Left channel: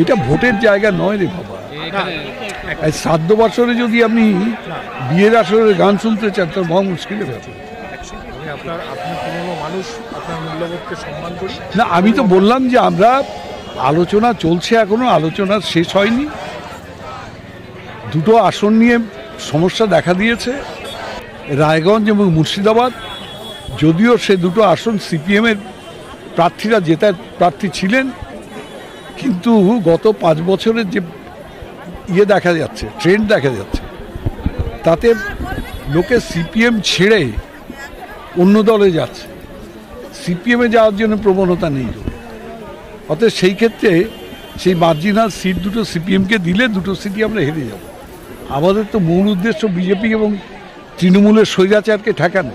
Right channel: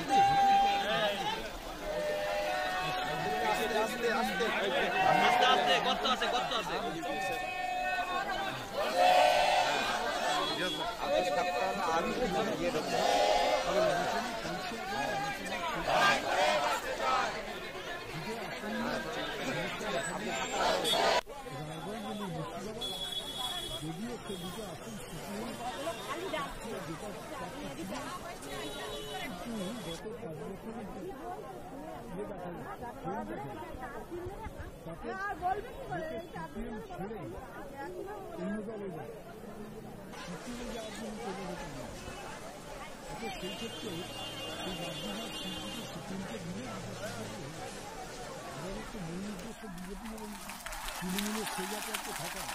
এটা ভোটের জায়গা নয় রে বাবা। শ্রাদ্ধ বছরে যদি আপনি বিয়ের আসরে গান শুনতে চান তার মহা মুশকিলের ব্যাপার। না, আমি তো বললাম যে আমরা আলোচনা চলছে, এখনো আলোচনা শেষ হয়নি। দুটো আসন নিয়ে সমস্যা দেখা দিয়েছে, রায়গঞ্জ এবং মুর্শিদাবাদ। যদিও সে দুটো আসন সিপিএমের প্রার্থীরা জেতার প্রার্থী ছিলেন, কিন্তু গত 5 বছরের যে দেখা যাচ্ছে, ট্রেন্ড দেখা যাচ্ছে, তাতে লোকে সিপিএম ছেড়ে অন্য দলে যাচ্ছে, সিপিএমে যাওয়ার জন্য প্রবণতা নেই। অতএব সেই ক্ষেত্রে সেই মার্জিনাল সিট দুটো সিপিএমকে দিলে দুটো সিটই আমরা হেরে যাব। আমাদের তো মূল উদ্দেশ্য বিজেপি এবং তৃণমূলের স্বৈরাচারকে ঠেকানো।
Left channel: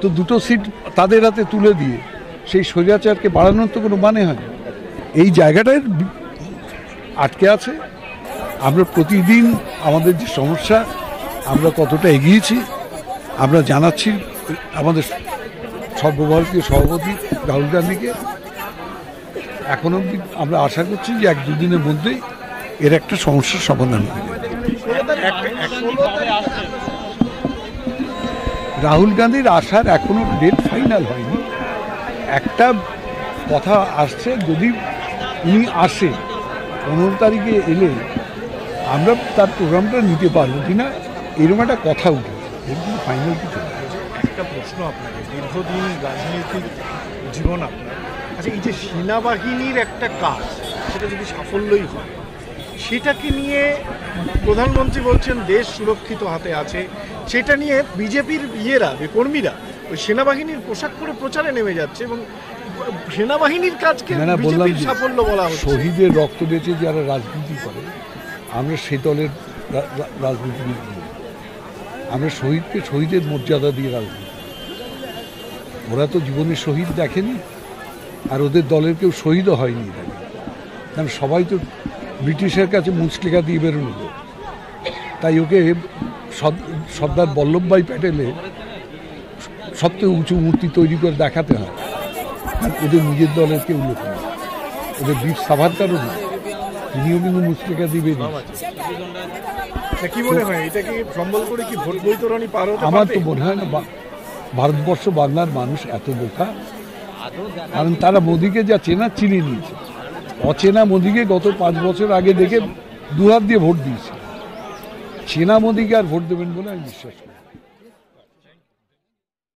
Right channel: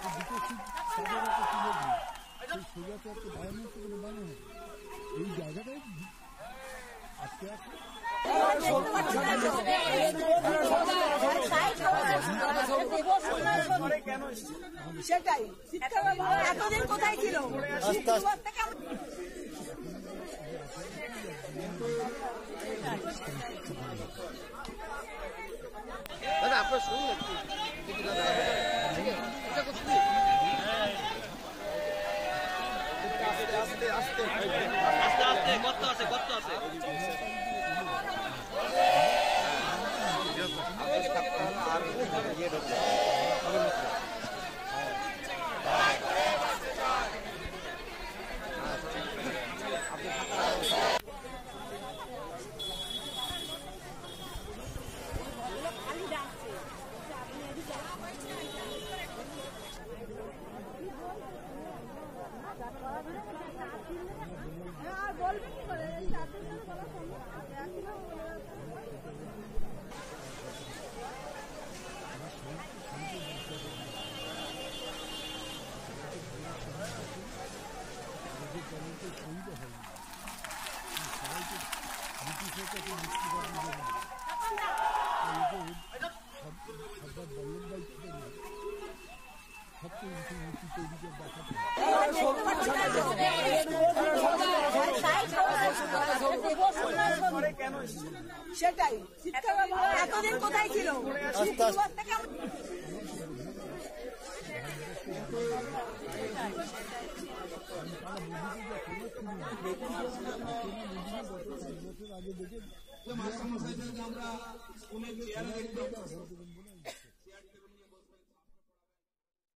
তো দুটো সিট তাদের হাতে তুলে দিয়ে সেই স্বৈরাচারকে বাড়ানোর তো কোনো মানে হয় না। এই জায়গাটায় আটকে আছে। আমরা প্রতিদিন আমাদের যে সমস্যা, আমরা কতটা এগিয়েছি আমরা জানাচ্ছি আমাদের সর্বভারতীয় সভাপতি রাহুল গান্ধীকে। এখন অবধি আমরা আশা করছি যে 1-2 দিনের মধ্যেই এর একটা সমস্যার সমাধান হবে। রাহুল গান্ধীর আসার এখনো ডেট ফাইনাল হয়নি। একটা কথা আসছে, যদি উনি আসে 15 তারিখে এলে আমরা তার প্রোগ্রামটা নিতে পারবো কিনা, এরকম একটা কথা উঠে। ফাইনাল একটা প্রশ্ন আপনাকে, দীর্ঘদিন রাজনৈতিক জীবন আপনার, আচ্ছা এই যে সেনাবাহিনীর একটা কাজ, সেটা যদি সাফল্যই হয়, সেটাকে নিয়ে প্রধানমন্ত্রী বলছেন দেশ সুরক্ষিত হাতে আছে, সেটা নিয়ে বিজেপির কর্মীরা ওই সেনাবাহিনীর পোশাক পরে প্রচারে নেমে যাচ্ছে এবং সেনাবাহিনীর কাজকে বিজেপির সাফল্য বলা হচ্ছে। শহীদের রক্ত বেঁচে যারা রাজনীতি করে, আমরা সে দলের রাজনীতিবিদ নই। আমরা শহীদকে শহীদের মর্যাদা দিয়ে রাজনীতি। ওরা তো জীবনের শহীদ দেখেনি, আর ওদের দলের কেউ শহীদও হয়নি। কারণ সবাই তো ব্রিটিশের কাছে মুচলেখা দিয়ে বেরোনো। তাই ওকে সর্দার বল্লভভাই প্যাটেলের সবচেয়ে উঁচু মূর্তি তৈরি করে দেখাতে হয়। ওদের নিজের দলের কেউ লোক নেই, ওদের বীর সাভারকারও নেই, তিনিও কিন্তু মুচলেখা দিয়ে বেরিয়ে। কি মনে হয়, এটা কি সম্বল করে কি ভোট বৈতরণী পার হতে? আমার তো মনে হয় না ভারতবর্ষ বাংলার মানুষ এত বোকা। কারণ তারা মোদিকে যা চেনা চিনে নিয়েছে। অচেনা মোদিকে গত 5 বছর আগে দেখে 2 হাত দিয়ে ভোট দিয়েছে। চেনা মোদিকে আর ভোট দেবেন বলে আমি বিশ্বাস করি।